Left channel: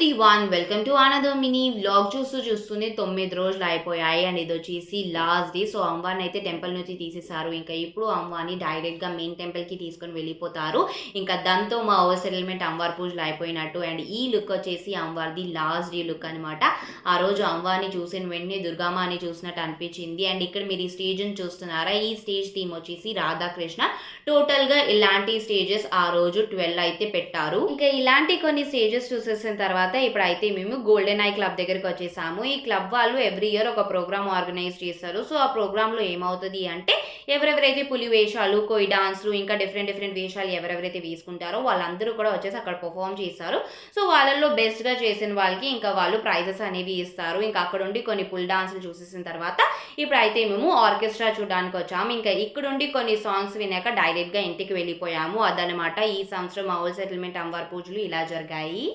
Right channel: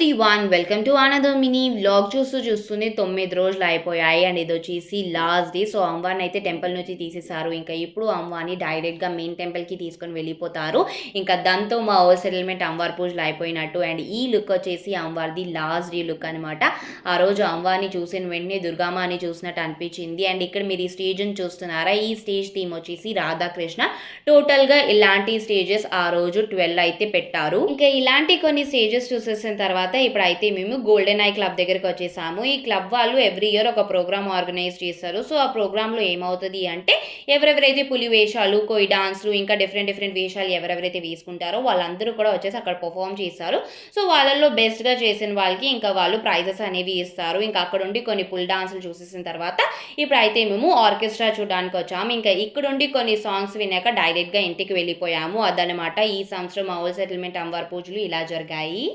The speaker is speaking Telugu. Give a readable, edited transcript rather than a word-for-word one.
Everyone welcome to another mini vlog. చూస్తూనే 9 రోజులు అయిపోయాయి అండ్ ఇది వచ్చేసి లాస్ట్ డే. సో అమ్మవారిని అయితే టెంపుల్ నుంచి తీసేశారు. ఇంకా ఇప్పుడు అమ్మవారిని డైరెక్ట్గా మెయిన్ టెంపుల్కి తీసుకొని వెళ్ళిపోతారు. ఇంకా దాంతో మా ఓవర్ సెటిల్మెంట్ అమ్మవారి పూజలు అయిపోయినట్టు. అండ్ ఈ లుక్ వచ్చేసి అమ్మవారిది లాస్ట్ డే లుక్ అనమాట. ఆ రోజు అమ్మవారిని చూసిన వెంటనే దుర్గామాని చూసినట్టు అనిపించింది. అండ్ ఇక్కడ మీరు ఈ స్టేజ్ని చూస్తున్నారా, ఈ స్టేజ్ థీమ్ వచ్చేసి రాధాకృష్ణ. టోటల్గా ఇలాంటి స్టేజెస్ ఆ రోజు 12 అయితే పెట్టారు. ఇంకా ఇలాంటి కొన్ని స్టేజెస్ చూసేసిన తర్వాత ఇప్పుడైతే మేము గోల్డెన్ ఐ క్లబ్ దగ్గరికి వచ్చేసాము. ఈ క్లబ్ వాళ్ళు ఎవ్రీ ఇయర్ ఒక ప్రోగ్రామ్ ఆర్గనైజ్ చేస్తారు. సో ఆ ప్రోగ్రాంలో ఏమవుతుంది అంటే ఎవరెవరైతే పులి వేషాలు, కొయి డాన్స్లు, ఇంకా డిఫరెంట్ వేషాలు ఎవరెవరైతే వేసుకుంటారో వాళ్ళందరూ కూడా వచ్చేసి అక్కడ పర్ఫామ్ చేస్తారు. సో వాళ్ళల్లో బెస్ట్గా చేసిన వాళ్ళకి ఇంకా వాళ్ళు ప్రైజెస్ అనేవి ఇస్తారు. ఇంకా అక్కడ ఉండి కొన్ని పుల్ డాన్సులు చూసేసిన తర్వాత ఇప్పుడైతే మేము ఆర్కెస్ట్రా చూడడానికి వచ్చాము. ఇంకా ఇక్కడుండి కొన్ని సాంగ్స్ వినాక డైరెక్ట్గా ఇంటికి వెళ్ళిపోయాము. అదనమాట ఈ సంవత్సరం మా ఓల్డ్ సెటిల్మెంట్ అమ్మవారి పూజలు ఇలా జరిగాయి.